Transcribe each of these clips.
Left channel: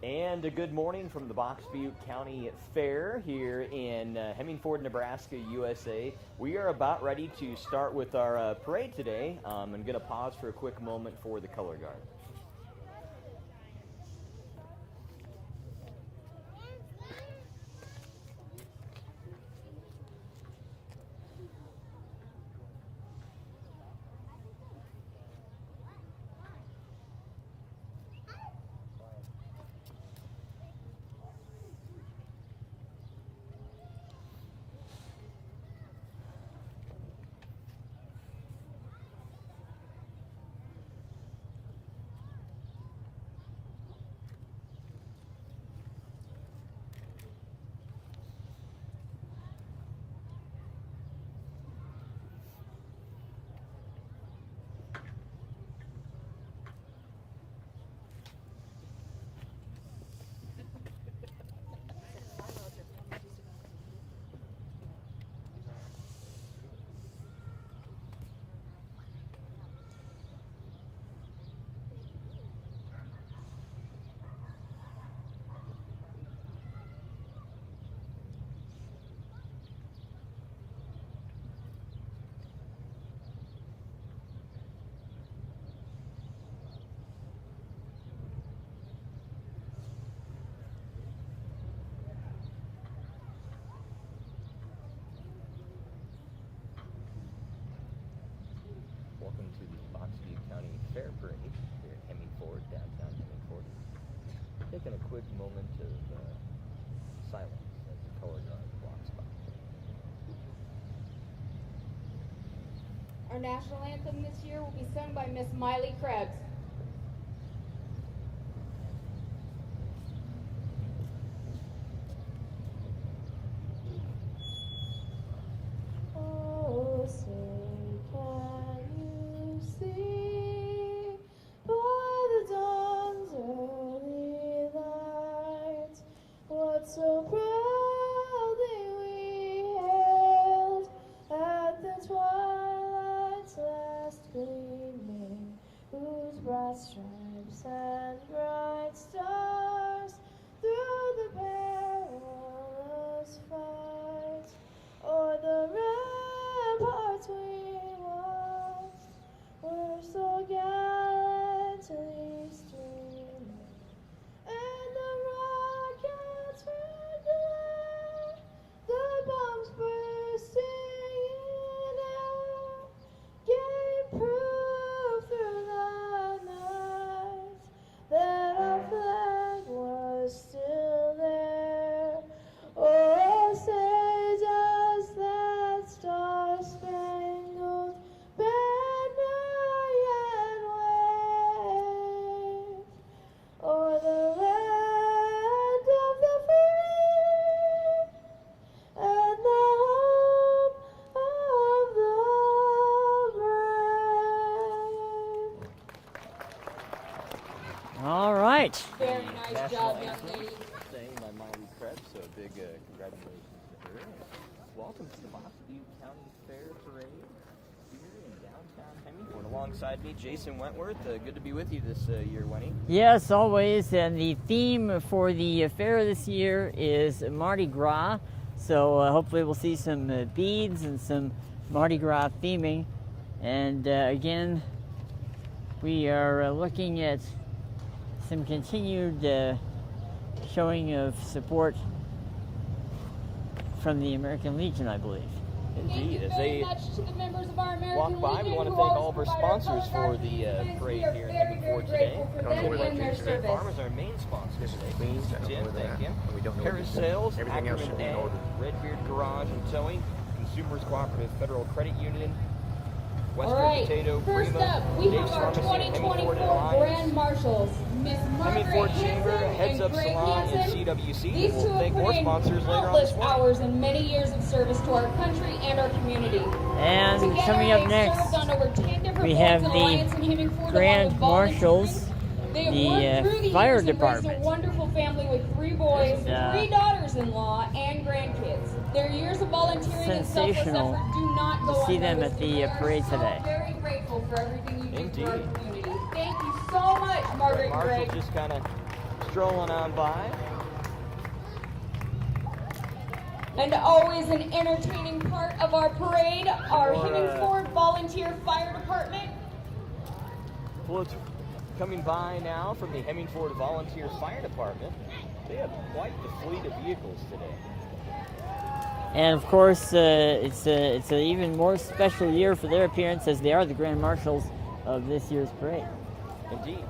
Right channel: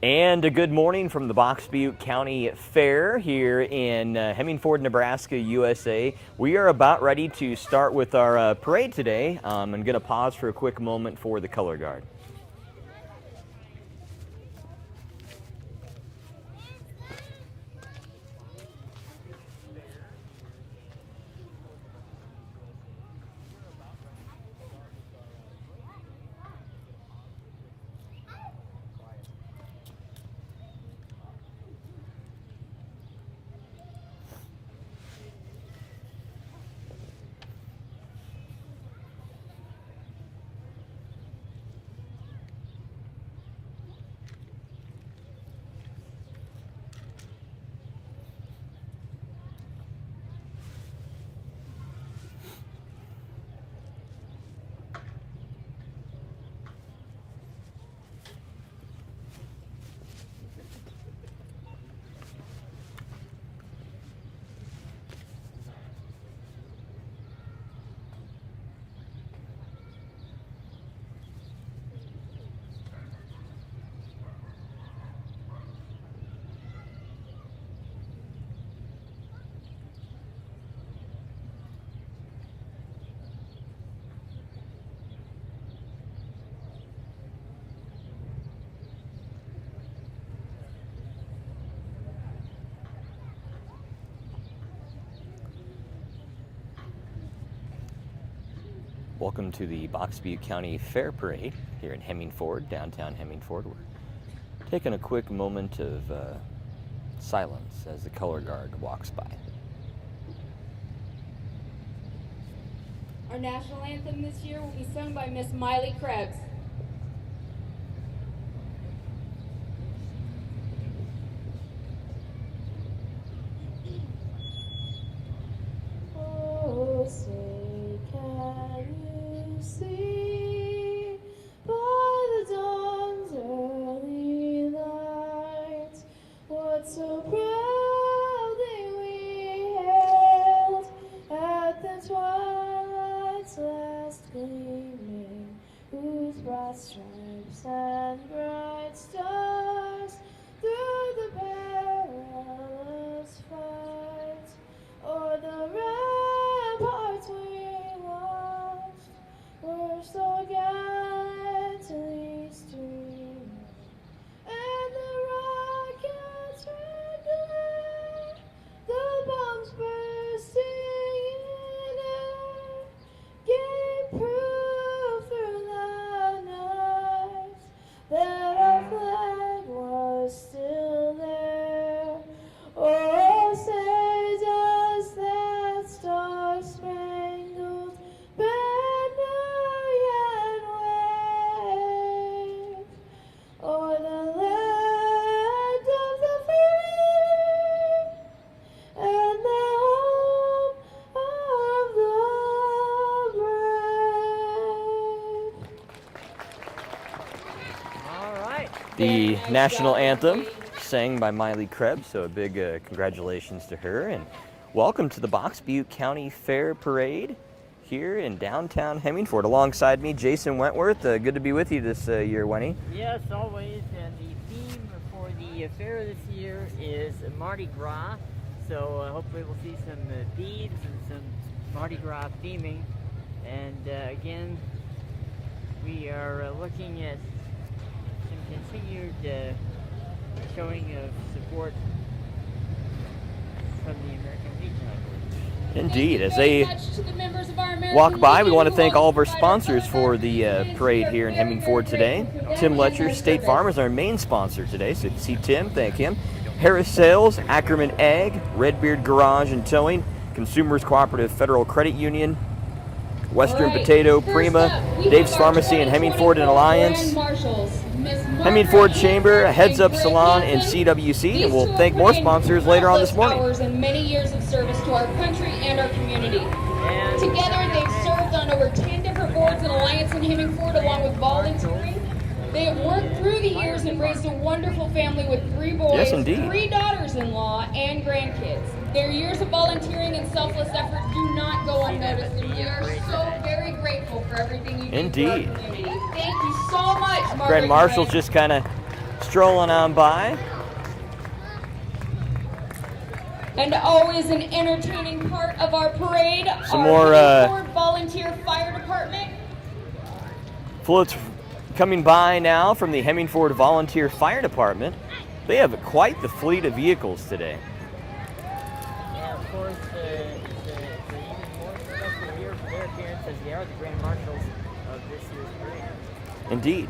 And a good morning from the Butte County Fair here in Hemmingford, Nebraska, USA. We are about ready to start with our parade today. I'm going to pause for a quick moment for the color guard. Welcome to the Butte County Fair Parade here in Hemmingford, downtown Hemmingford. We're taking a quick moment of silence as the color guard walks by. Our national anthem this year will be sung by Miss Miley Krebs. So proudly we hailed at the twilight's last gleaming, whose broad stripes and bright stars through the perilous fight o'er the ramparts we watched were so gallantly streaming, and the rockets the bombs bursting in air gave proof through the night that our flag was still there. Oh, say does that star-spangled banner yet wave o'er the land of the free and the home of the brave. All right, the national anthem sang by Miley Krebs, so a big congratulations to her, and welcome to the Butte County Fair Parade here in downtown Hemmingford. Alongside me, Jason Wentworth. Good to be with you this year, Wenny. Yes, always, and the theme for the fair this year is Mardi Gras, so hopefully we'll see some beads and some Mardi Gras theming, and again, we are looking at some continued showing of support from the American Legion, I believe. Indeed. As they walk by, we want to thank all of our sponsors for the parade here in Hemmingford today. Tim Letcher, State Farm, is our main sponsor today, so you see Tim, thank him. Harris Sales, Ackerman Ag, Redbeard Garage and Towing, Consumers Cooperative Federal Credit Union, Western Potato, Prima, Dave's Pharmacy and Hemmingford and Alliance, Hemmingford Chamber, Heads Up Salon, and CWC, and we'll thank more sponsors later on this morning. And many years of service to our country and our community. And Together, coming up they've next, served on over 10 different we have boards and alliance in Hemmingford, along Grand with Marshals, volunteering. They have the worked through the fire years and raised a department. wonderful family with 3 boys, Yes, indeed. 3 daughters-in-law, and grandkids. Their years of volunteering and selfless Sensational. effort do not go See them unnoticed. at the We are parade so today. very grateful for everything you do for our Indeed. community. Thank you so much, Margaret Grand Marshal Gray. just kind of strolling on by. And always an entertaining part of our parade, Some our more, Hemmingford Volunteer Fire Department. Floats coming by now from the Hemmingford Volunteer Fire Department. They have quite the fleet of vehicles today. And of course, it's an even more special year for their appearance, as they are the Grand Marshals of this year's parade. Indeed.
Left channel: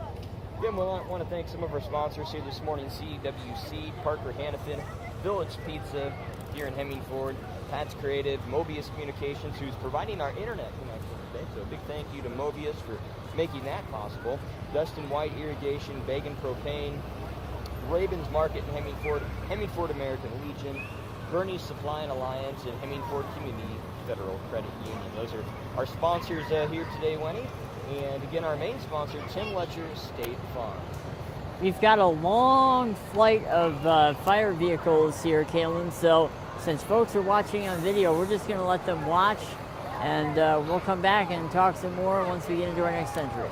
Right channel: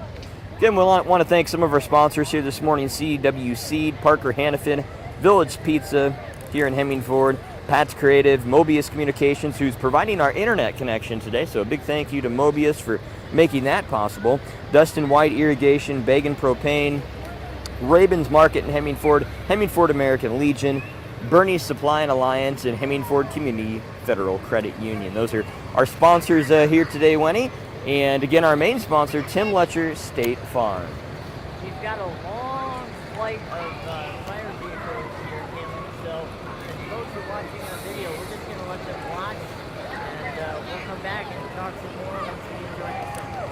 Again, we want to thank some of our sponsors here this morning: CW Seed, Parker Hannafin, Village Pizza here in Hemmingford, Pat's Creative, Mobius Communications, who's providing our internet connection today. So a big thank you to Mobius for making that possible. Dustin White Irrigation, Bagan Propane, Rabin's Market in Hemmingford, Hemmingford American Legion, Bernie's Supply and Alliance, and Hemmingford Community Federal Credit Union. Those are our sponsors here today, Wenny. And again, our main sponsor, Tim Letcher, State Farm. We've got a long flight of fire vehicles here, Kaylin, so since folks are watching on video, we're just going to let them watch, and we'll come back and talk some more once we get into our next century.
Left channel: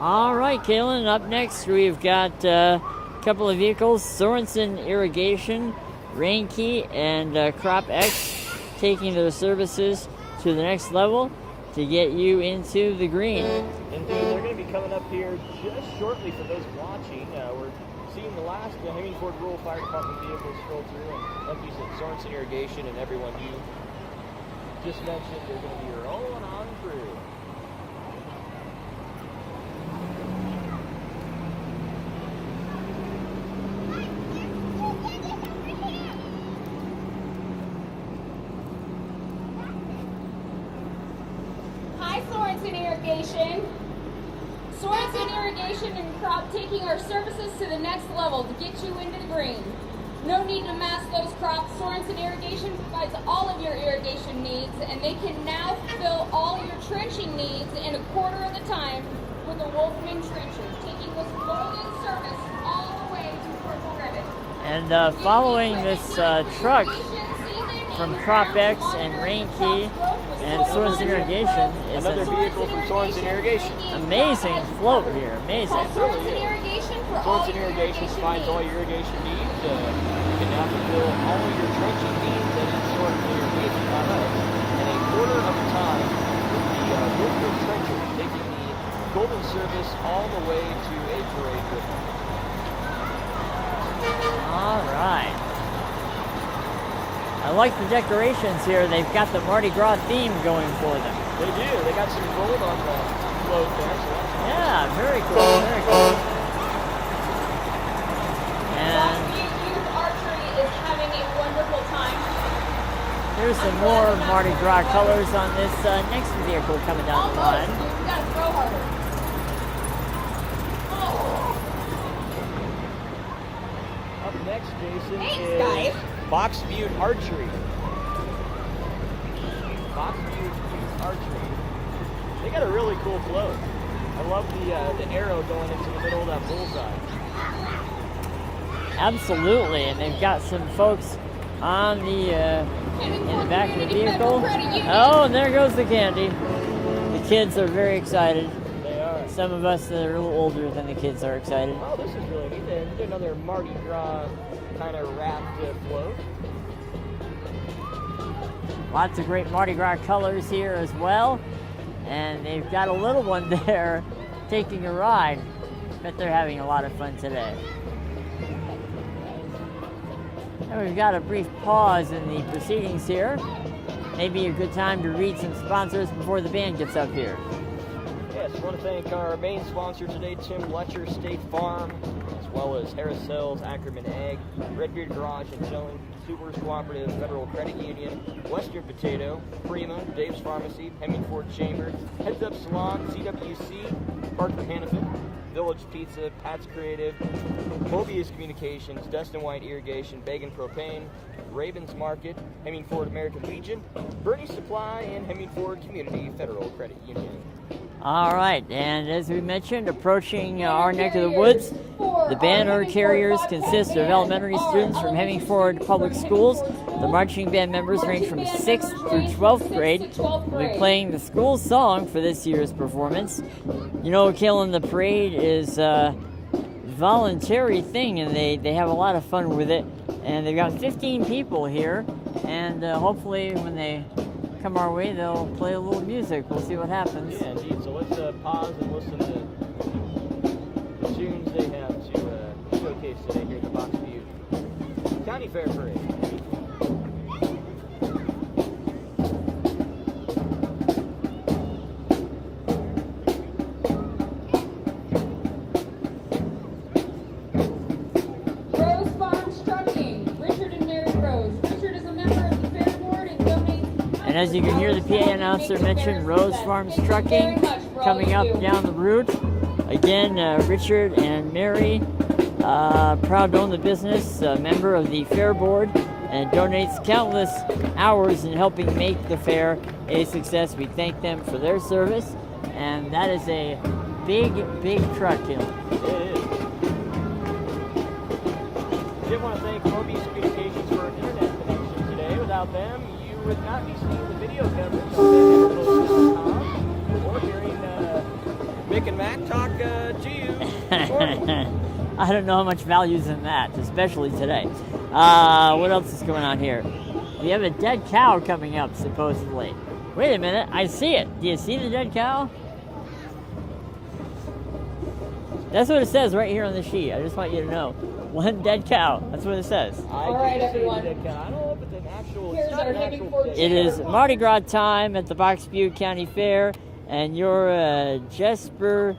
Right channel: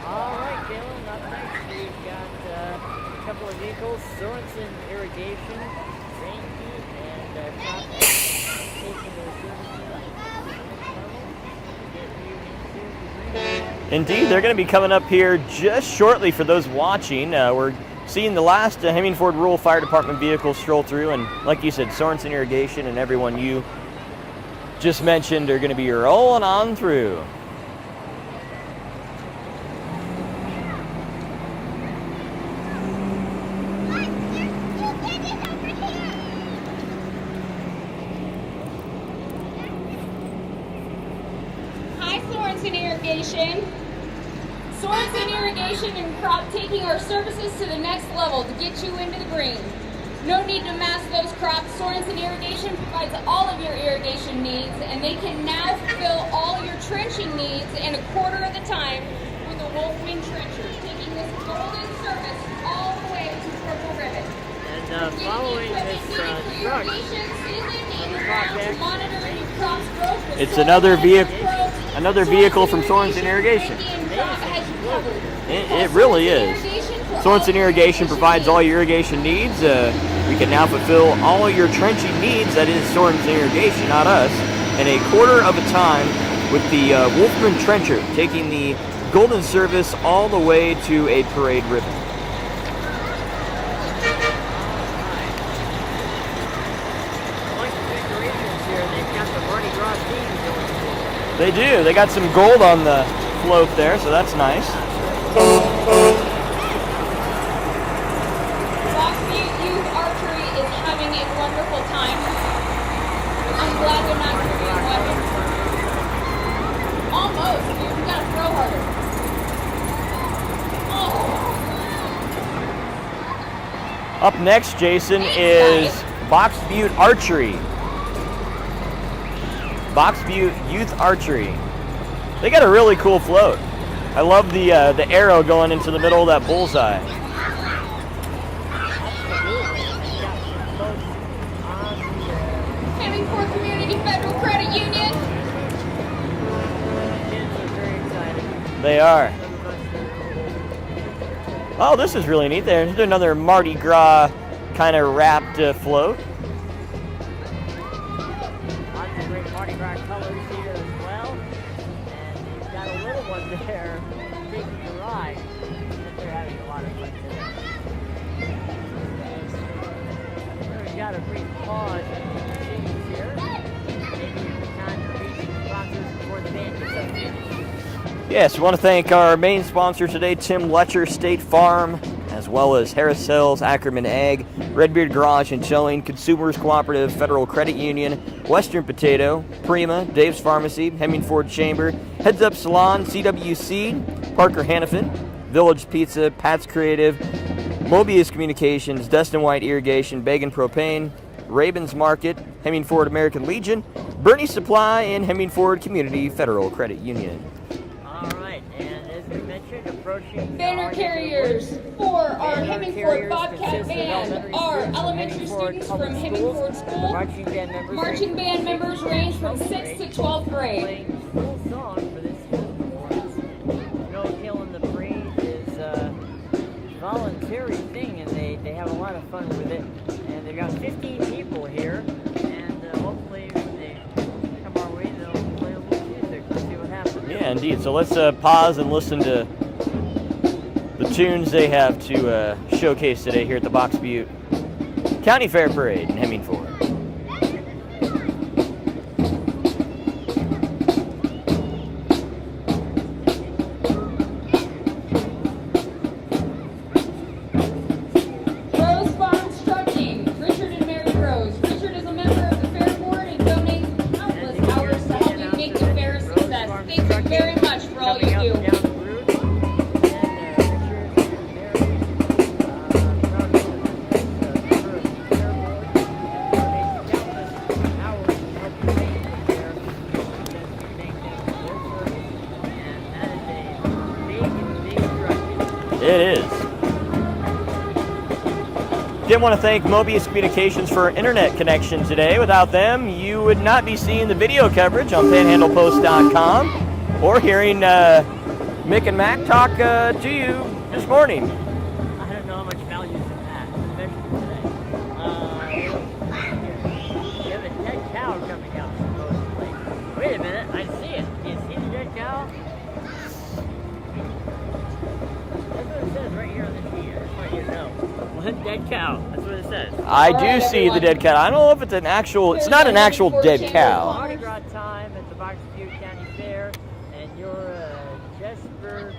All right, Kaylin, up next we've got a couple of vehicles, Sorensen Irrigation, Reinke, and Crop X, taking their services to the next level to get you into the green. Indeed, they're going to be coming up here just shortly for those watching. We're seeing the last Hemmingford Rural Fire Department vehicles stroll through, and like you said, Sorensen Irrigation and everyone you just mentioned are going to be rolling on through. Sorensen Irrigation and Crop taking our services to the next level to get you into the green. No need to mask those crops. Sorensen Irrigation provides all of your irrigation needs, and they can now fulfill all your trenching needs in a quarter of the time with the Wolfman Trencher, taking this golden service all the way to Purple Ribbon. And following this truck from Crop X and Reinke, it's another vehicle from Sorensen Irrigation. Amazing float here. It really is. Sorensen Irrigation provides all your irrigation needs. We can now fulfill all your trenching needs. That is Sorensen Irrigation, not us. In a quarter of a time with the Wolfman Trencher, taking the golden service all the way to a parade ribbon. I like the decorations here. They've got the Mardi Gras theme going for them. They do. They got some gold on the float there, so that's nice. Yeah, very cool. Butte Youth Archery is having a wonderful time. There's some more Mardi Gras colors on this next vehicle coming down the Almost. line. We've got to throw harder. Up next, Jason, is Box Butte Archery. Box Butte Youth Archery. They got a really cool float. I love the arrow going into the middle of that bullseye. Absolutely, and they've got some folks on the back of the vehicle. Oh, and there goes the candy. The kids are very excited. They are. Some of us that are a little older than the kids are excited. Oh, this is really neat. There's another Mardi Gras kind of wrapped float. Lots of great Mardi Gras colors here as well. And they've got a little one there taking a ride, but they're having a lot of fun today. So we've got a brief pause in the proceedings here. Maybe a good time to read some sponsors before the band gets up here. Yes, we want to thank our main sponsor today, Tim Letcher, State Farm, as well as Harris Hills, Ackerman Ag, Redbeard Garage and Towing, Consumers Cooperative, Federal Credit Union, Western Potato, Prima, Dave's Pharmacy, Hemming Ford Chamber, Heads Up Salon, CWC, Parker Hannafin, Village Pizza, Pat's Creative, Mobius Communications, Dustin White Irrigation, Bagan Propane, Ravens Market, Hemming Ford American Legion, Bernie Supply, and Hemming Ford Community Federal Credit Union. All right, and as we mentioned, approaching our neck of the woods, the banner carriers consist of elementary students from Hemming Ford Public Schools. The marching band members range from 6th through 12th grade. We're playing the school song for this year's performance. You know, Kalen, the parade is a voluntary thing, and they have a lot of fun with it. And they've got 15 people here, and hopefully when they come our way, they'll play a little music. We'll see what happens. Yeah, indeed. So let's pause and listen to the tunes they have to showcase today here at the Box Butte County Fair Parade in Hemming Ford. As you can hear the PA announcer mention, Rose Farms Trucking coming up down the route. Again, Richard and Mary, proud to own the business, a member of the Fair Board, and donates countless hours in helping make the fair a success. We thank them for their service, and that is a big, big trucking. It is. Again, want to thank Mobius Communications for internet connection today. Without them, you would not be seeing the video coverage on panhandlepost.com or hearing Mick and Mac talk to you this morning. I don't know how much value is in that, especially today. What else is going on here? You have a dead cow coming up, supposedly. Wait a minute, I see it. Do you see the dead cow? That's what it says right here on the sheet. I just want you to know. One dead cow. That's what it says. I do see the dead cow. I don't know if it's an actual, it's not an actual dead It is cow. Mardi Gras time at the Box Butte County Fair, and you're Jesper,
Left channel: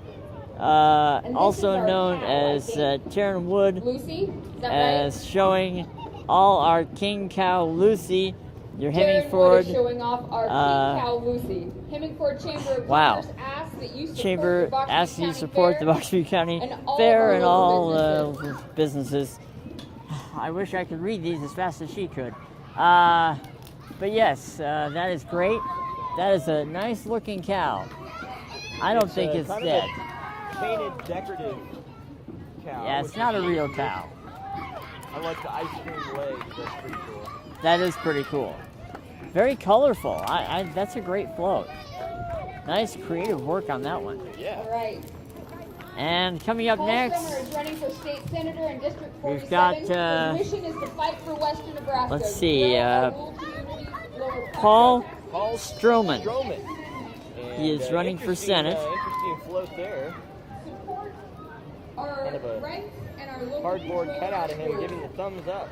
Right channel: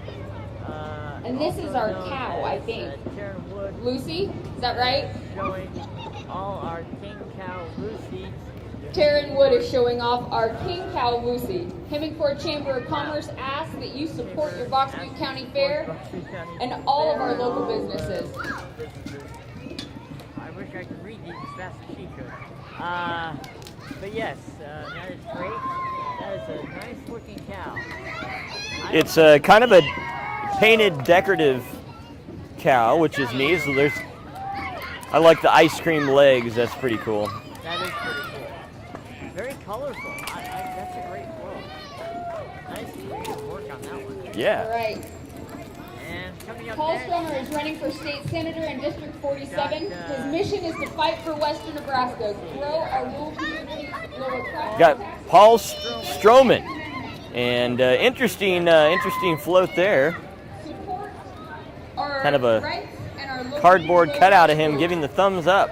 also is our known cow, as Taryn Wood, Lucy, is that as showing all our king cow Lucy. Your Hemming Taryn Wood Ford is showing off our king cow Lucy. Hemming Ford Chamber of wow. Commerce asks that you support Chamber the Box asks Butte you to County support Fair the Box Butte County and all of Fair our and local all businesses. I wish I could read these as fast as she could. But yes, that is great. That is a nice looking cow. I don't It's think kind of dead. a painted decorative cow, Yeah, which it's is not a neat. real So there's, cow. I like the ice cream legs. That's pretty cool. That is pretty cool. Very colorful. That's a great float. Nice creative work on that one. Yeah. Right. And coming up Paul next, Stromer is running for state senator in District 47. we've got, His mission is to fight for Western Nebraska. let's see, Paul. Got Paul Stroman. Stroman. And He's running for interesting, Senate. interesting float there. Our Kind of a rights and our local Cardboard people cutout of him vote. giving the thumbs up.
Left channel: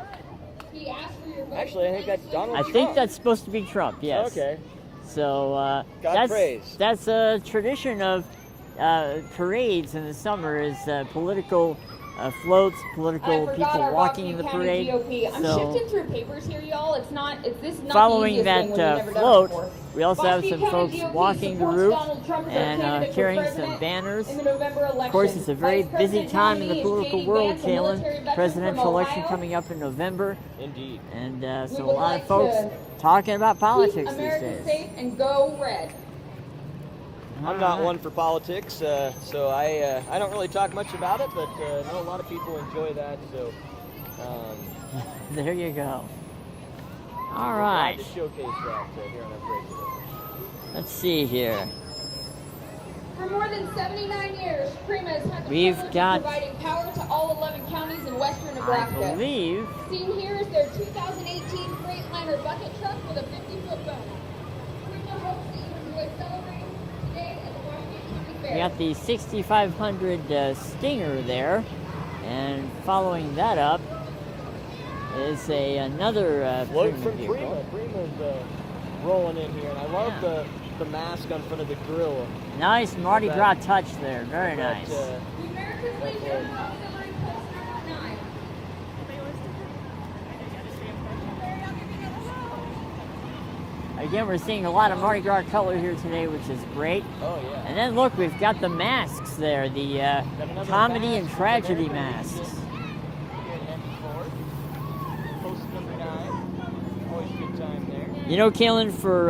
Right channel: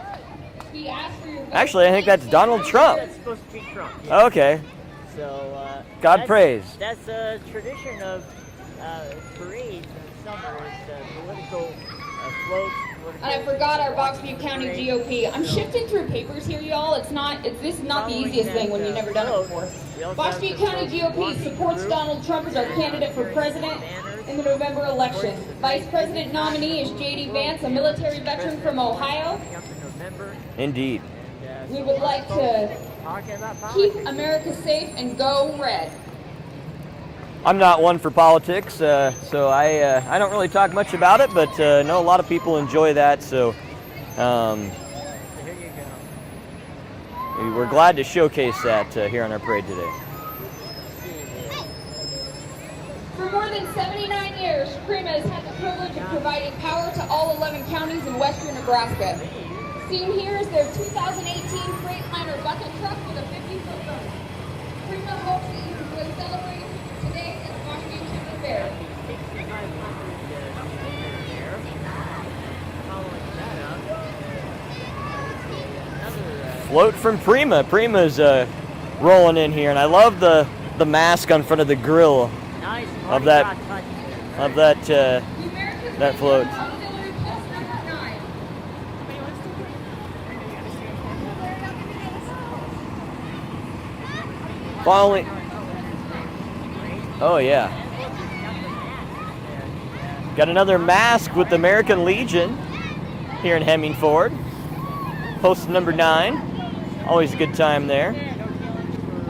He asked for your vote. Actually, I think that's Donald I Trump. think that's supposed to be Trump. Yes. Okay. So God praise. That's a tradition of parades in the summer. Is political floats, political I people forgot our walking Rockview in the County parade. GOP. I'm So, shifting through papers here, y'all. It's this not following the easiest that thing when you've never float, done it before. we also have Rockview some County folks GOP walking the supports route Donald Trump as our and candidate for carrying some president banners. in the November election. Of course, it's a very Vice busy President time in nominee the is political J.D. world, Vance, a military Kalen. veteran from Presidential election Ohio. coming up in November, Indeed. and We so a would lot like of folks to talking about politics. Keep these America days. safe and go red. I'm not one for politics, so I don't really talk much about it, but know a lot of people enjoy that. So There you go. we're glad to showcase that here on our parade today. Let's see here. For more than 79 years, Prima has had the We've privilege got- of providing power to all 11 counties in western Nebraska. I believe Seen here is their 2018 Freightliner bucket truck with a 50-foot motor. the 6500 Stinger there. And following that up is another Float from Prima. Prima's rolling in here, and I love the mask on front of the grill nice Mardi Gras touch there. Very of that nice. that float. Again, we're seeing a lot of Mardi Gras color here today, which is great. Oh yeah. And then look, we've got the masks there. Got another comedy mask and with the tragedy American masks. Legion here in Hemmingford. Post number 9. Always a good time there. You know, Kaylin, for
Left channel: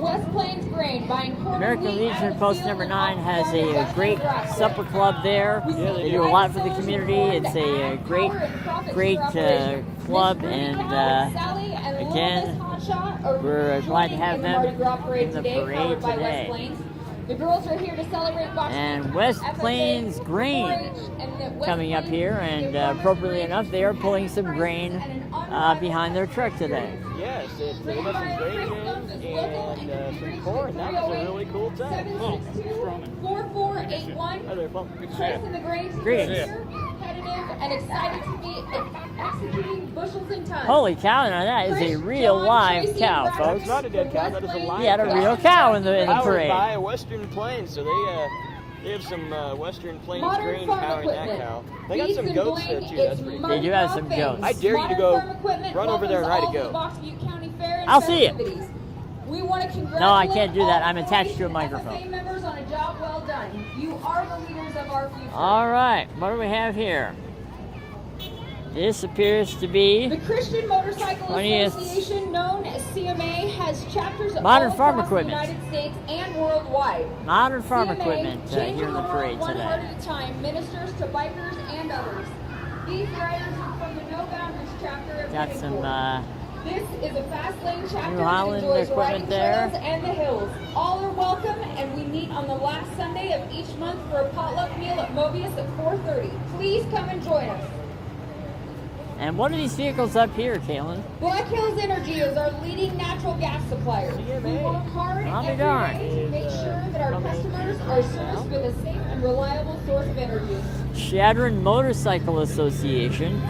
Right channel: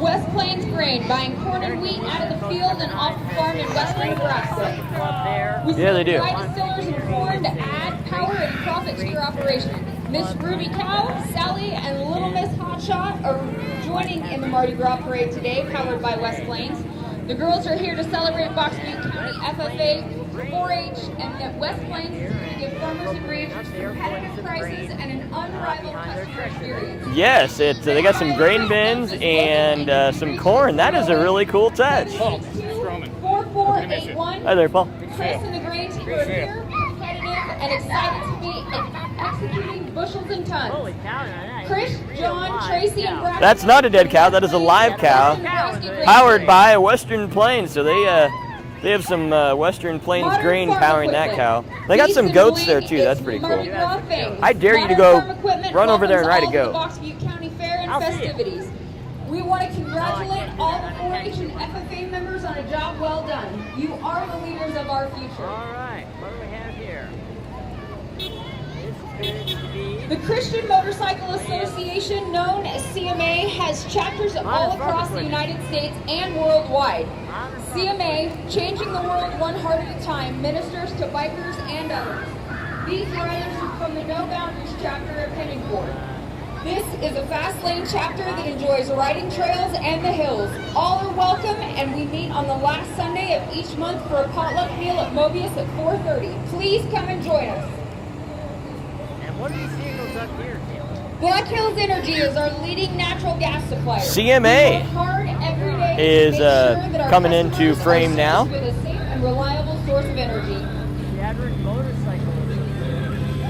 West Plains Grain buying corn and American wheat out Legion of the Post field number and 9 off has farm in a West great Nebraska. supper club there. Yeah, they do. Do a lot for the community. It's a great club, and Sally and Little again, Miss Hotshot are we're glad to joining have in the them Mardi Gras parade in the today, parade powered by West today. Plains. The girls are here to celebrate Box And Beat, West FFA, Plains grain 4-H, and the West coming up Plains here, and Community Farmers appropriately and enough, they are pulling some prices grain and an unrivaled behind their truck today. Yes, they got some grain bins and some corn. That is a really cool touch. 4481. Hi there, Paul. Chris and the grain team Great. are here, competitive, and excited to be executing bushels and tons. Holy cow, now that is a Chris, real John, live Tracy, cow. and Brad. That's not a dead cow. That is a live Yeah, cow. a cow in the Powered parade. by Western Plains, so they have some Western Plains Modern grain farm powering that cow. equipment. They got Beef some and goats wheat there too. is That's pretty cool. You have some goats. I dare you to Modern go farm equipment run over there and ride a welcomes goat. all the Box Butte County Fair and I'll see it. festivities. We want to congratulate No, I can't do that. I'm all attached to a 4-H microphone. FFA members on a job well done. You are the leaders of our future. All right, what do we have here? This appears to be The Christian Motorcycle 20th. Association, known as CMA, has chapters Modern all farm across the equipment. United States and worldwide. modern farm CMA, equipment. changing the Great world one today. heart at a time, ministers to bikers and others. These riders are from the No Boundaries chapter of Got some Hemmingford. This is a fast lane chapter that Island enjoys equipment riding there. trails and the hills. All are welcome, and we meet on the last Sunday of each month for a potluck meal at Mobius at 4:30. Please come and join us. And what are these vehicles up here, Kaylin? Black Hills Energy is our leading natural gas supplier. CMA We work hard Oh my every God. day to is, make sure that our coming into customers are frame served now. with a safe and reliable source of energy. Shadron Motorcycle Association,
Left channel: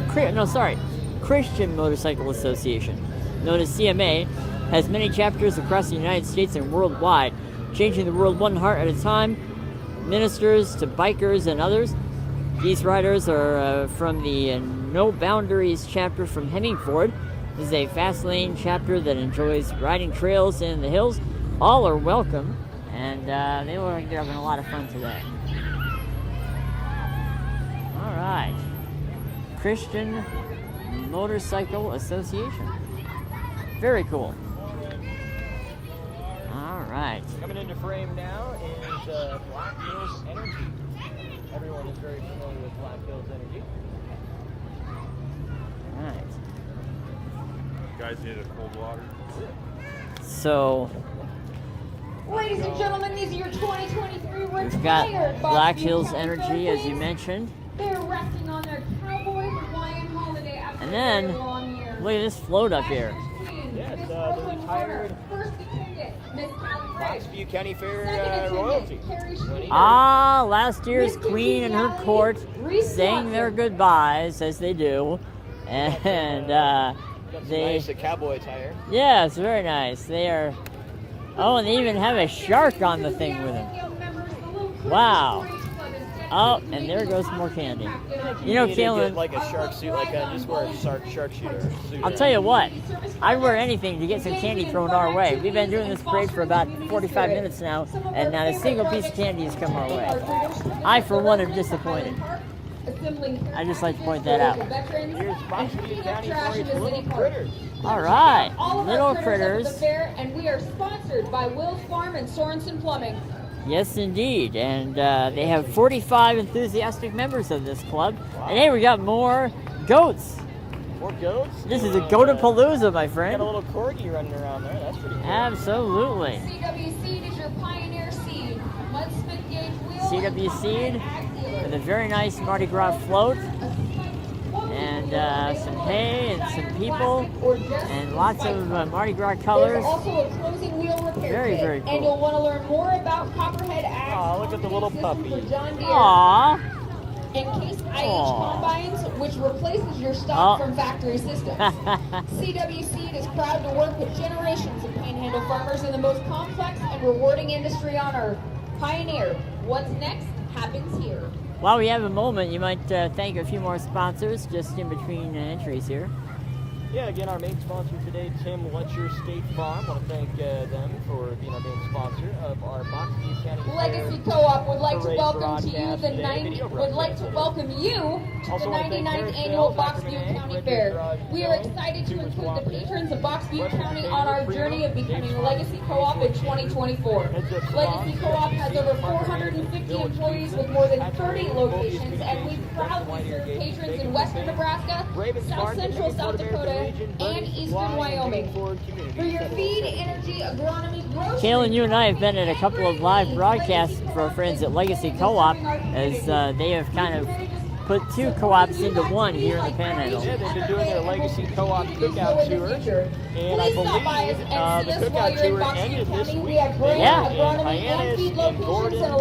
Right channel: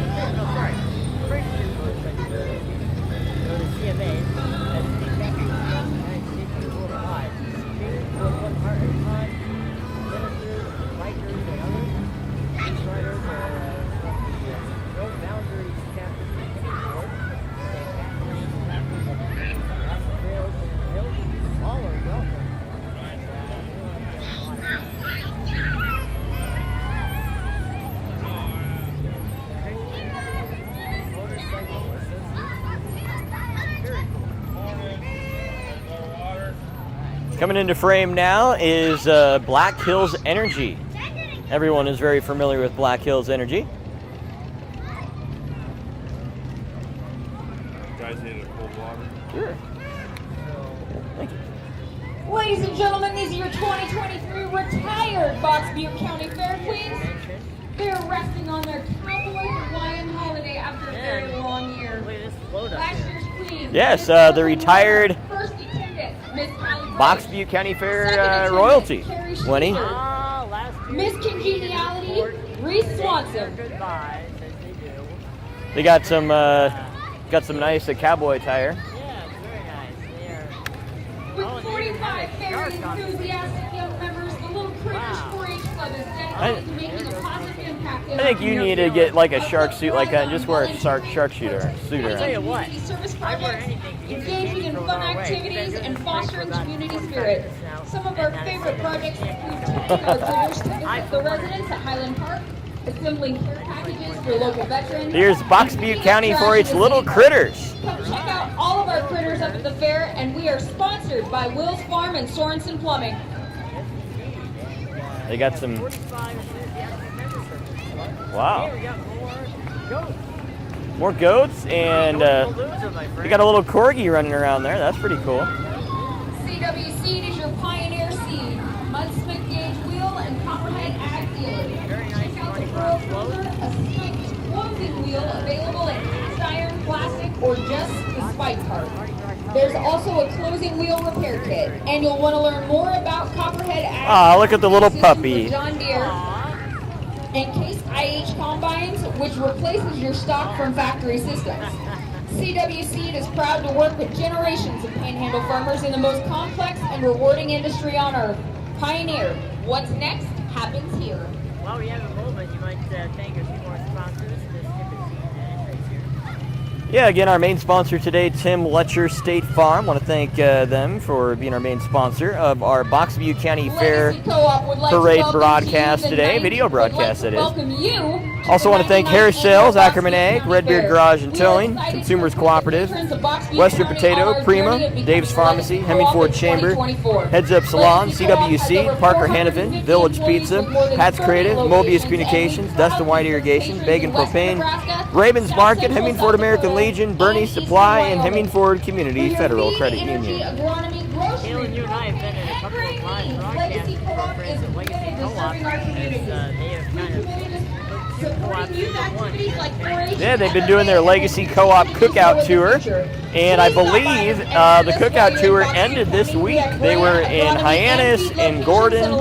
Christian Motorcycle Association, known as CMA, has many chapters across the United States and worldwide, changing the world one heart at a time, ministers to bikers and others. These riders are from the No Boundaries chapter from Hemmingford. This is a fast lane chapter that enjoys riding trails in the hills. All are welcome, and they were having a lot of fun today. All right, Christian Motorcycle Association. Very cool. All right. Coming into frame now is Black Hills Energy. Everyone is very familiar with Black Hills Energy. Guys need a water. Sure. So, Ladies and gentlemen, these are your 2023 got retired Black Box Butte Hills County Energy, Fair as you queens. mentioned. They're resting on their cowboy Hawaiian holiday after And a then, very long year. look at this float up Last here. year's queen, Yes, Miss the retired First attendant, Miss Callie Box Price. Butte County Fair Second attendant, royalty. Carrie Winnie. Sheehan. Ah, last year's Miss queen and her Congeniality, court Reese saying Swanson. their goodbyes, as they do. They got some And, got some they- nice cowboy attire. yeah, it's very nice. They are. Oh, and they even have a shark on the thing with it. Wow. Oh, and there goes more candy. I think you need to Taylor, get like a shark suit like that and just wear a shark shooter suit. I'll tell you what, I'd wear anything to get some candy thrown our way. We've been doing this parade for about 45 minutes now, and not a single piece of candy has come our way. I, for one, am disappointed. I just like to point that out. Here's Box Butte County 4-H Little Critters. All right, All of little our critters up at critters. the fair, and we are sponsored by Will's Farm and Sorensen Plumbing. Yes, indeed. And they got have some- 45 enthusiastic members of this club. Wow. And hey, we got more goats. More goats This and is a Goatapalooza, my we friend. got a little corgi running around there. That's pretty cool. Absolutely. CW Seed is your pioneer seed. Mud Smith Gauge Wheel and CW Combine Seed Ag Dealer. with a very nice Mardi Gras float. And some hay and some people plastic or just and lots spike of parts. Mardi Gras colors. There's also a closing wheel repair Very, kit, very cool. and you'll want to learn more about Copperhead Ag Aw, look at the little systems puppy. with John Deere Aww. and Case IH Aw. combines, which replaces your stock Oh. from factory systems. CW Seed is proud to work with generations of Panhandle farmers in the most complex and rewarding industry on earth. Pioneer, what's next happens here. While we have a moment, you might thank a few more sponsors just in between entries here. Yeah, again, our main sponsor today, Tim Letcher State Farm. Want to thank them for being our main sponsor of our Box Butte County Fair Legacy Co-op would like to parade welcome broadcast you, the today, 90 video broadcast would that like to is. welcome you to Also the want to thank 99th Harris annual Sales, Box Ackerman Butte Egg, County Red Beard Fair. Garage and We are Towing, excited to Consumers welcome Cooperative, patrons of Box Butte Western County Potato, on our Prima, journey of becoming Dave's Pharmacy, Legacy Hemming Co-op Ford in Chamber, 2024. Heads Up Salon, Legacy Co-op has CWC, over Parker 450 Hannafin, Village employees Pizza, with more than Hats 30 Creative, locations, Mobius and Communications, we Dust and cover White Irrigation, stations Bacon in Western Propane, Nebraska, Ravens South Market, Central Hemmingford South American Dakota, Legion, Bernie and Supply, Eastern and Wyoming. Hemmingford For Community your Federal feed, Credit energy, Union. agronomy, grocery, Kayla, you and I have been at a couple of live broadcasts for our friends at Legacy Co-op as they have kind of put two co-ops into one here in the Panhandle. Yeah, they've been doing their Legacy Co-op Cookout Tour, and I believe the Cookout Tour ended this week. They were in Hyannis and Gordon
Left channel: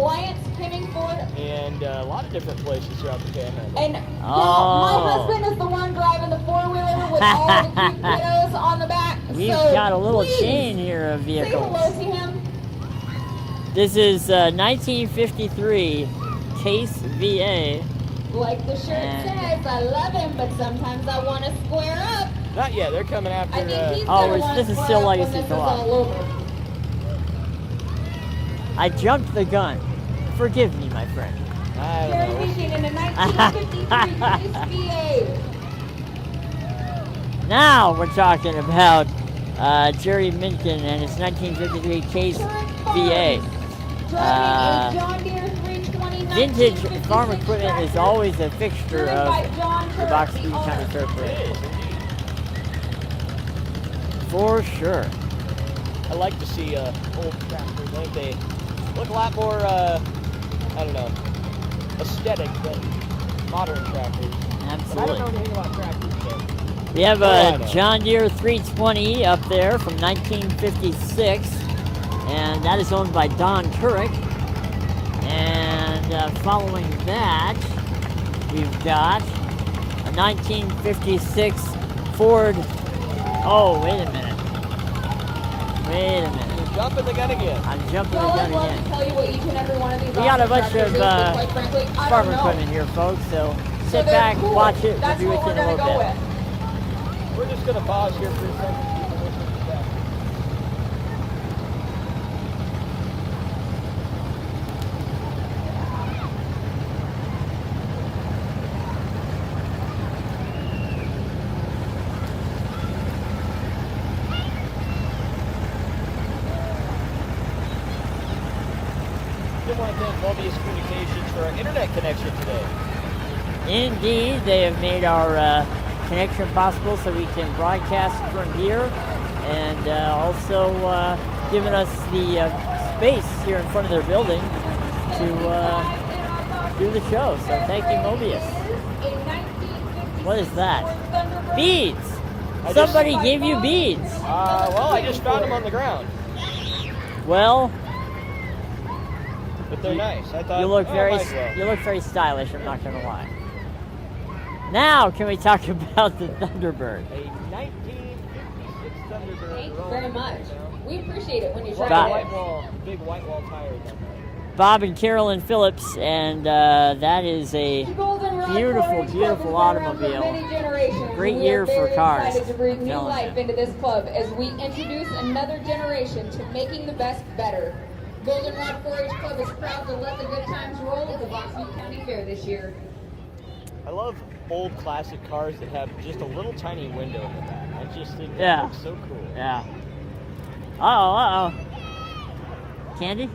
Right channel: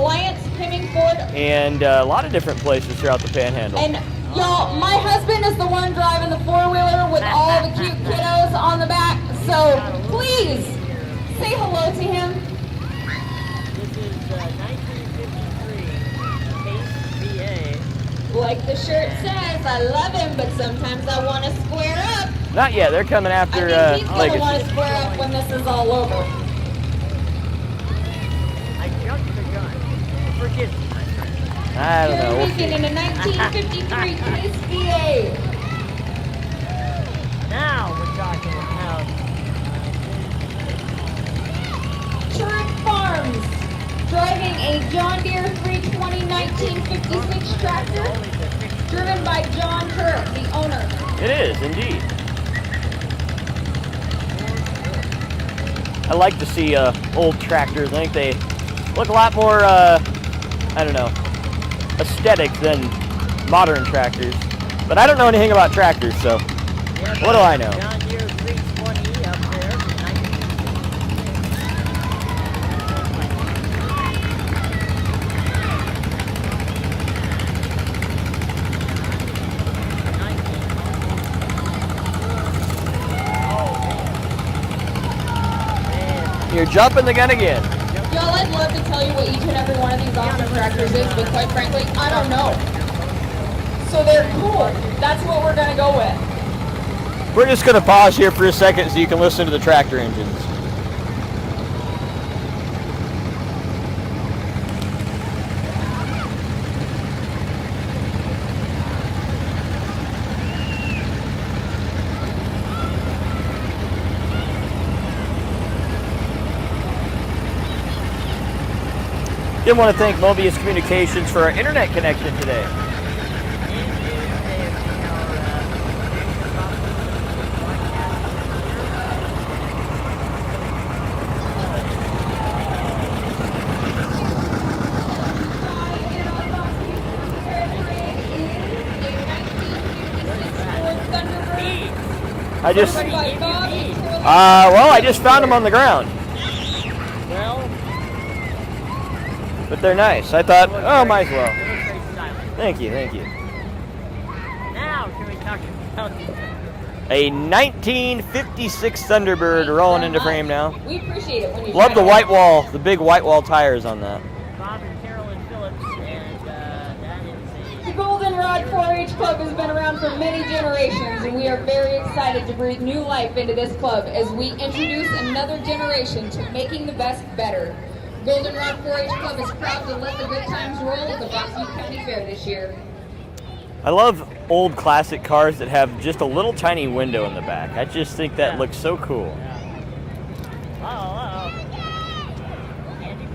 and a lot of different places throughout the Panhandle. And y'all, my husband is the one driving the four-wheeler with all the cute kiddos on the back. He's So got a little please chain here of say vehicles. hello to him. This is 1953 Case VA. Like the shirt says, I love him, but sometimes I want to square up. Not yet. They're coming after I think he's gonna Legacy. want This to is square still up when Legacy this is Co-op. all over. I jumped the gun. Forgive me, my friend. I don't You're know. making in a 1953 Case VA. Now we're talking about Jerry Minkin and his 1953 Case VA. Driving a John Deere 320 Vintage farm equipment is always a fixture driven of by John the Kirk, Box the Butte owner. County Fair. It is, indeed. For sure. I like to see old tractors. I think they look a lot more, I don't know, aesthetic than modern tractors. But I don't know anything about tractors, so We have what do I know? a John Deere 320 up there from 1956, and that is owned by Don Couric. And following that, we've got a 1956 Ford. Oh, wait a minute. Wait a minute. You're jumping the gun again. I'm jumping. Y'all, I'd love to tell you what each and every one of these We got a awesome bunch tractors of is, but quite frankly, I farm don't know. equipment here, folks. So So sit they're back, cool. watch it. That's read what we're it a gonna little go bit. with. We're just going to pause here for a second so you can listen to the tractor engines. Did want to thank Mobius Communications for our internet connection today. Indeed, they have made our connection possible so we can broadcast from here, and also given us the space here in front of the building to do the show. So thank you, Mobius. What is that? Beads! I just, Somebody gave you beads. well, I just found them on the ground, Well, but they're nice. I thought, you look oh, very, might as well. You look very stylish. Thank you, thank you. Now, can we talk about the Thunderbird? A 1956 Thunderbird rolling into frame now. We appreciate it when you Love shout the out. white wall, the big white wall tires on that. Bob and Carolyn Phillips, and that is a The Goldenrod beautiful, 4-H Club has beautiful been around for automobile. many generations. Great and we year are for very cars. excited to breathe new Yeah. life into this club as we introduce another generation to making the best better. Goldenrod 4-H Club is proud to let the good times roll at the Box Butte County Fair this year. I love old classic cars that have just a little tiny window in the back. I just think that Yeah. looks so cool. Yeah. Uh-oh. Candy?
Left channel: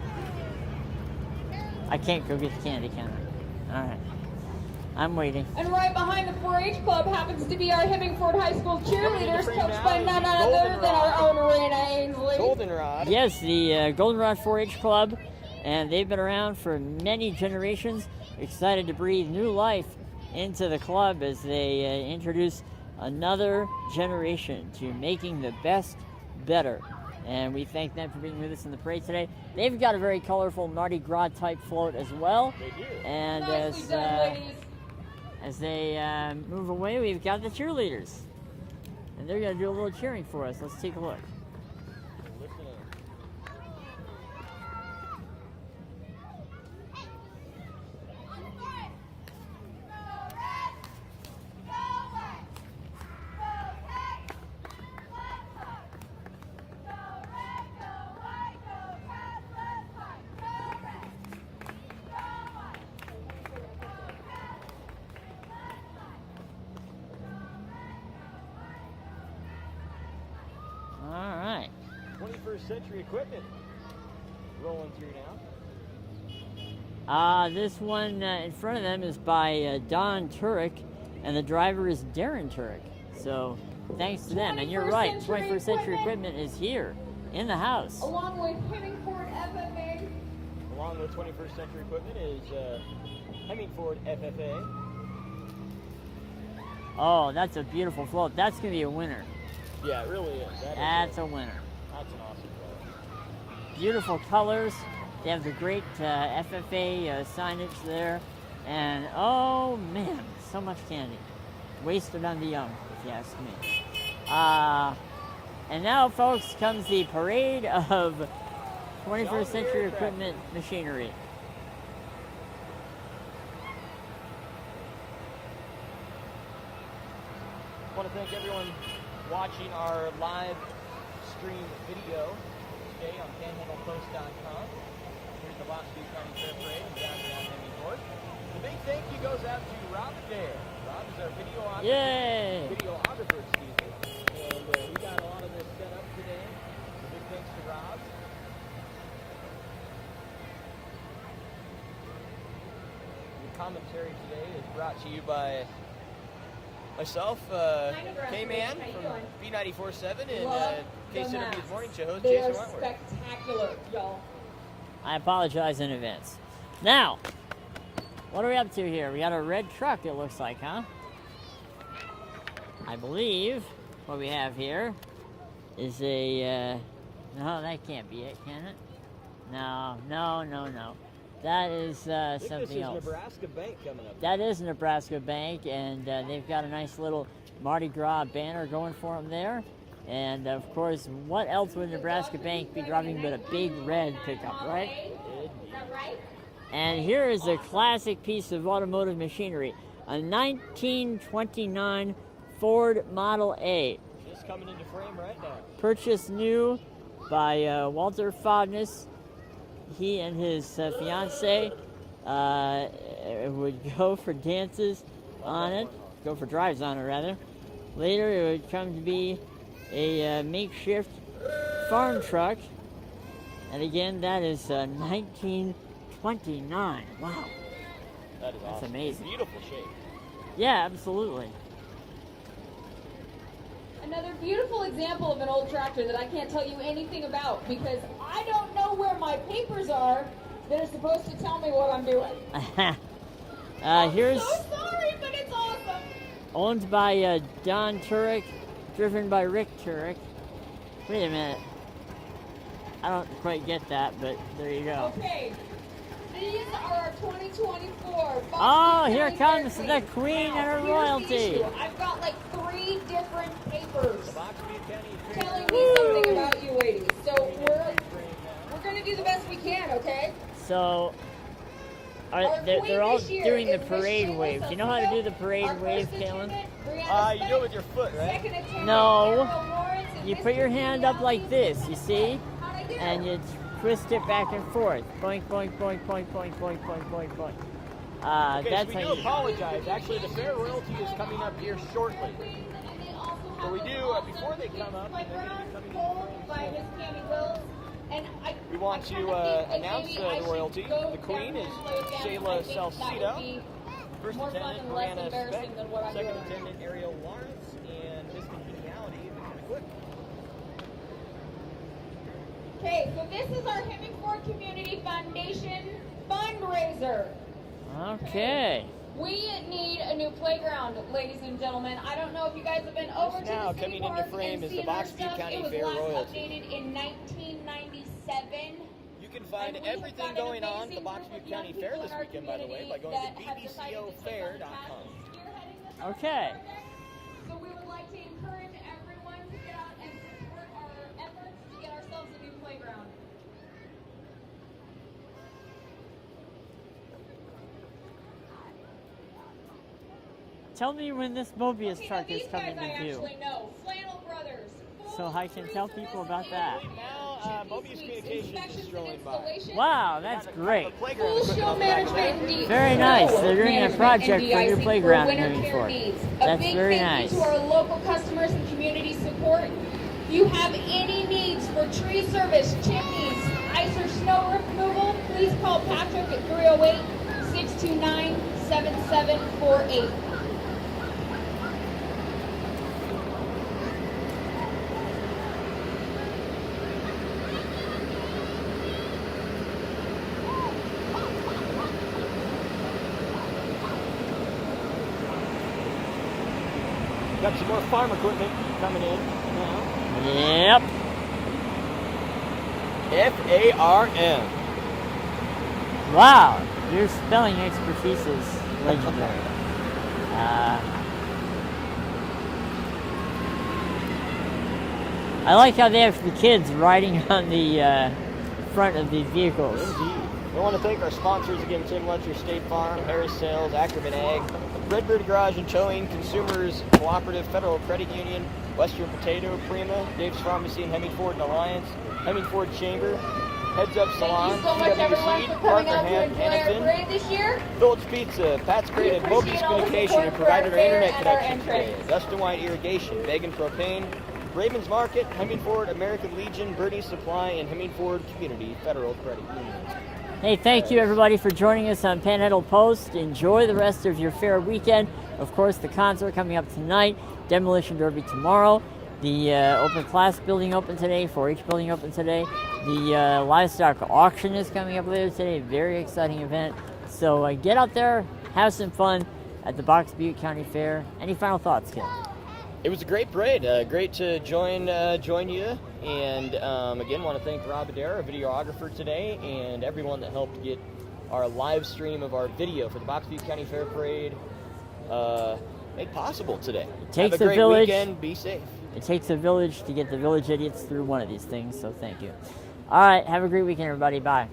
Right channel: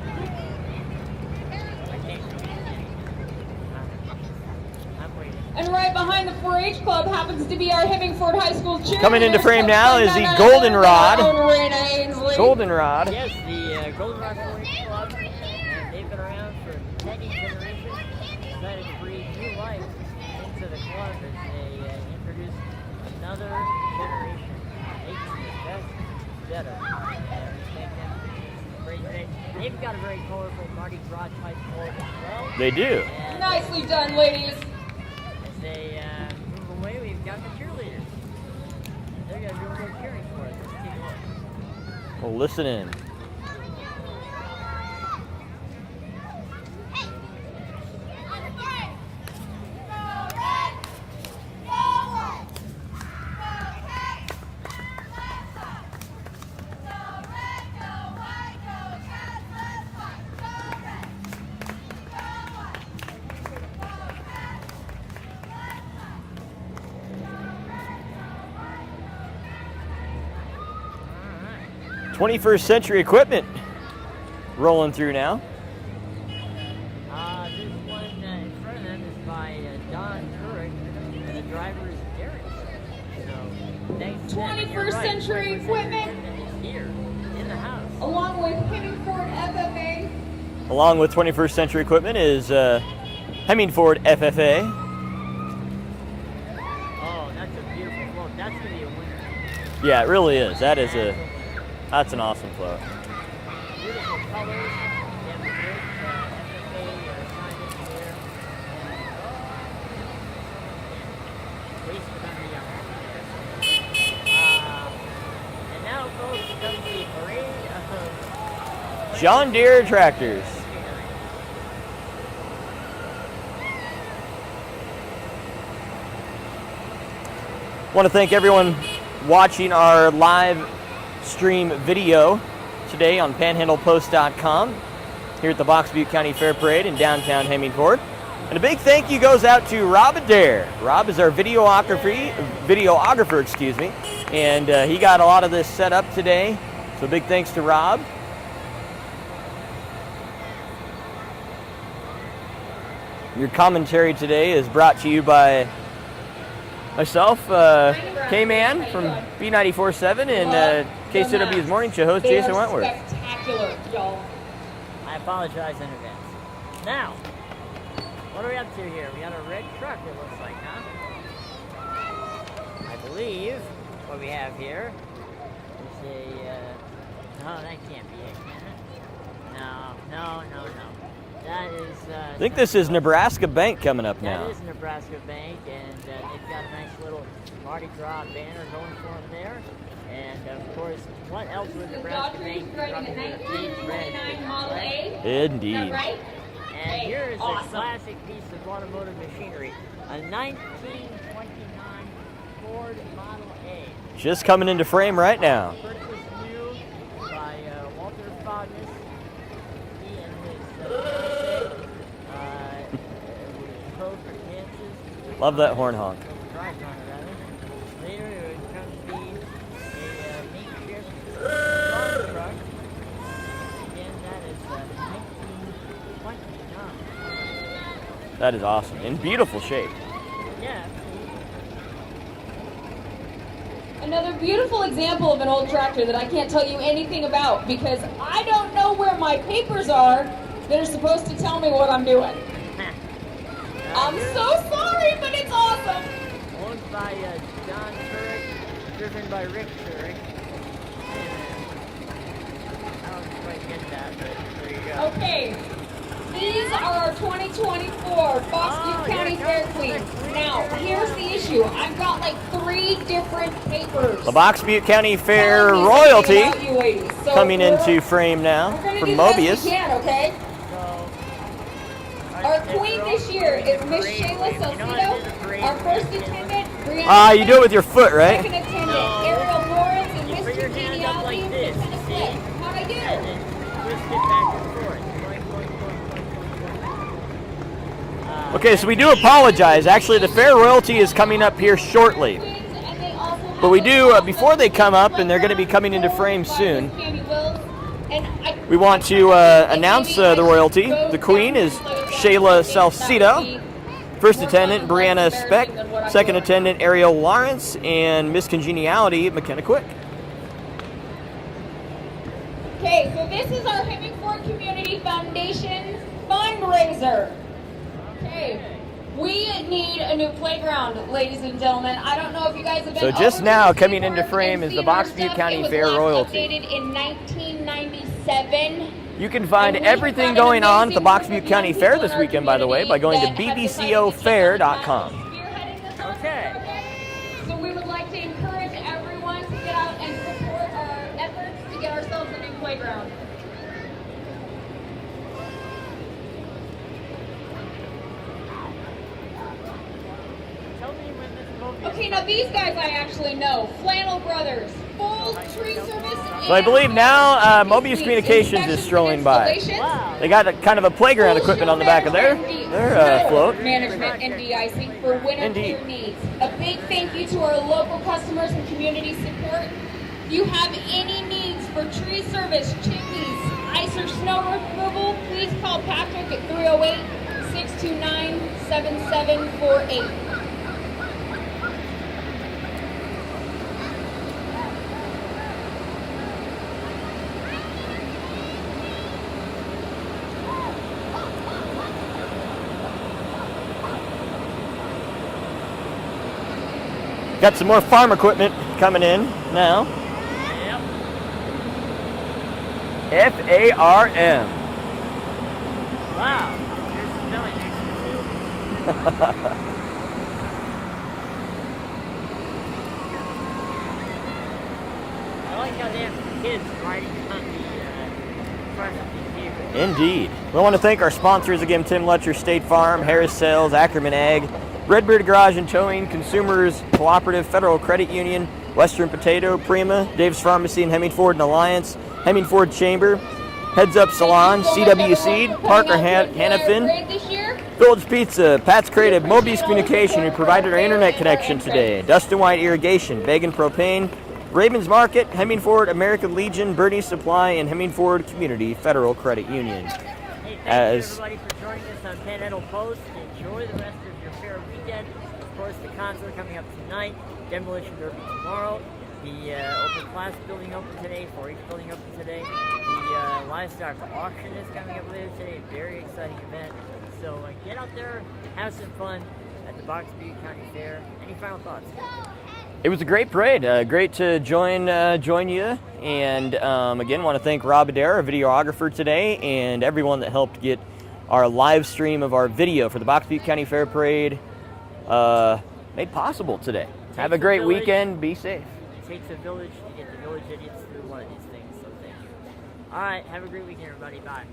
I can't go get the candy, can I? All right. I'm waiting. And right behind the 4-H Club happens to be our Hemmingford High School cheerleaders. Coming into frame now is the None other Goldenrod. than our own Raina Ainsley. Goldenrod. Yes, the Goldenrod 4-H Club, and they've been around for many generations. Excited to breathe new life into the club as they introduce another generation to making the best better. And we thank them for bringing us in the parade today. They've got a very colorful Mardi Gras type float as well. They do. And Nicely done, ladies. as they move away, we've got the cheerleaders. And they're going to do a little cheering for us. Let's take a look. Well, listen in. All right. 21st century equipment rolling through now. This one in front of them is by Don Turek, and the driver is Darren Turek. So thanks to them. And you're 21st right, century 21st century equipment is here in the house. Along with Hemingford FFA. Along with 21st century equipment is Hemingford FFA. Oh, that's a beautiful float. That's going to be a winner. Yeah, it really is. That's a winner. That's an awesome float. Beautiful colors. They have the great FFA signage there. And, oh, man, so much candy. Wasted on the yellow. Yes. And now, folks, comes the parade of John Deere 21st century tractors. machinery. Want to thank everyone watching our live stream video today on panhandlepost.com here at the Butte County Fair Parade in downtown Hemingford. And a big thank you goes out to Rob Adair. Rob is our videographer, excuse me, and he got a lot of this set up today. So big thanks to Rob. Your commentary today is brought to you by myself, K-Man from B94.7 and KCW's Morning Show host, Jason Wentworth. Spectacular, y'all. I apologize in advance. Now, what are we up to here? We got a red truck, it looks like, huh? I believe what we have here is a, no, that can't be it, can it? No. That is, I think this is something else. Nebraska Bank coming up now. That is Nebraska Bank, and they've got a nice little Mardi Gras banner going for them there. And of course, what else would Nebraska Bank be running with a big red pickup, right? Indeed. And here is a classic piece of automotive machinery, a 1929 Ford Model A. Just coming into frame right now. Purchased new by Walter Fognes. He and his fiance would go for dances. Love that on it, horn honk. Go for drives on it, rather. Later, it would come to be a makeshift farm truck. And again, that is 1929. Wow. That is awesome. In beautiful shape. Yeah, absolutely. Another beautiful example of an old tractor that I can't tell you anything about because I don't know where my papers are that are supposed to tell me what I'm doing. I'm so sorry, but it's awesome. Owned by John Turek, driven by Rick Turek. Wait a minute. I don't quite get that, but there you go. Okay. These are our 2024 Butte here County Fair comes the Queen. Queen Now, and her here's royalty. the issue. I've got like 3 different papers. The Butte County Fair Tell me royalty about you ladies. So coming we're- into frame now we're gonna from do the best we Mobius. can, okay? So, Our queen this year is Miss Shayla You know how to do the Salcido. parade Our first wave, Taylor? attendant, Brianna. You do it with your foot, right? Second attendant, No. Ariel Lawrence, and You Mr. put your hand up like this, you see? How'd I do? And then twist it back and forth. Boink, boink, boink, boink, boink, boink, boink, boink. Okay, so we do apologize. Actually, the fair royalty is coming up here shortly. But we do, before they come up, and they're going to be coming into frame soon, we want to announce the royalty. The queen is Shayla Salcido. First attendant, Brianna Speck. Second attendant, Ariel Lawrence. And Miss Congeniality, McKenna Quick. Okay, so this is our Hemingford Community Foundation fundraiser. Okay. We need a new playground, ladies and gentlemen. I don't know if you guys have been So just over now to the coming skate into park frame and is the seen our Box Butte stuff. County It was Fair last royalty. updated in 1997. You can find And we have everything got an going on at the amazing Box group Butte of County young Fair people this in our weekend, by the way, by community going to that have decided to take on bbcofair.com. spearheading this Okay. So we would like to encourage everyone to get out and support our efforts to get ourselves a new playground. Tell me when this movie is. Okay, now these guys I actually know. Flannel Brothers, full So tree service. So I believe now Mobius Communications is strolling by. Wow. They got a, kind of a playground equipment on the back of there. Very Their, nice. float. They're doing a project for your playground. Indeed. A That's big very thank nice. you to our local customers and community support. If you have any needs for tree service, chimneys, ice or snow removal, please call Patrick at 308-629-7748. Got some more farm equipment coming in now. Yep. F-A-R-M. Wow. Your spelling expertise is legendary. I like how they have the kids riding on the front of the vehicle. Indeed. We want to thank our sponsors again, Tim Letcher, State Farm, Harris Sales, Ackerman Ag, Redbeard Garage and Towing, Consumers Cooperative, Federal Credit Union, Western Potato, Prima, Dave's Pharmacy and Hemmingford and Alliance, Hemmingford Chamber, Heads Up Salon, CW Seed, Parker Hannafin, Phillips Pizza, Pat's Creative, Mobius Communication, who provided our internet connection today, Dustin White Irrigation, Began Propane, Ravens Market, Hemmingford, American Legion, Birdie Supply, and Hemmingford Community Federal Credit Union. Hey, thank you As- everybody for joining us on Panhandle Post. Enjoy the rest of your fair weekend. Of course, the concert coming up tonight, Demolition Derby tomorrow, the open class building open today, 4-H building open today, the livestock auction is coming up later today, very exciting event. So get out there, have some fun at the Box Butte County Fair. Any final thoughts, Ken? It was a great parade. Great to join you. And again, want to thank Rob Adair, our videographer today, and everyone that helped get our live stream of our video for the Box Butte County Fair Parade made possible today. Have a Takes a great village. weekend. Be safe. It takes a village to get the village idiots through one of these things, so thank you. All right, have a great weekend, everybody. Bye.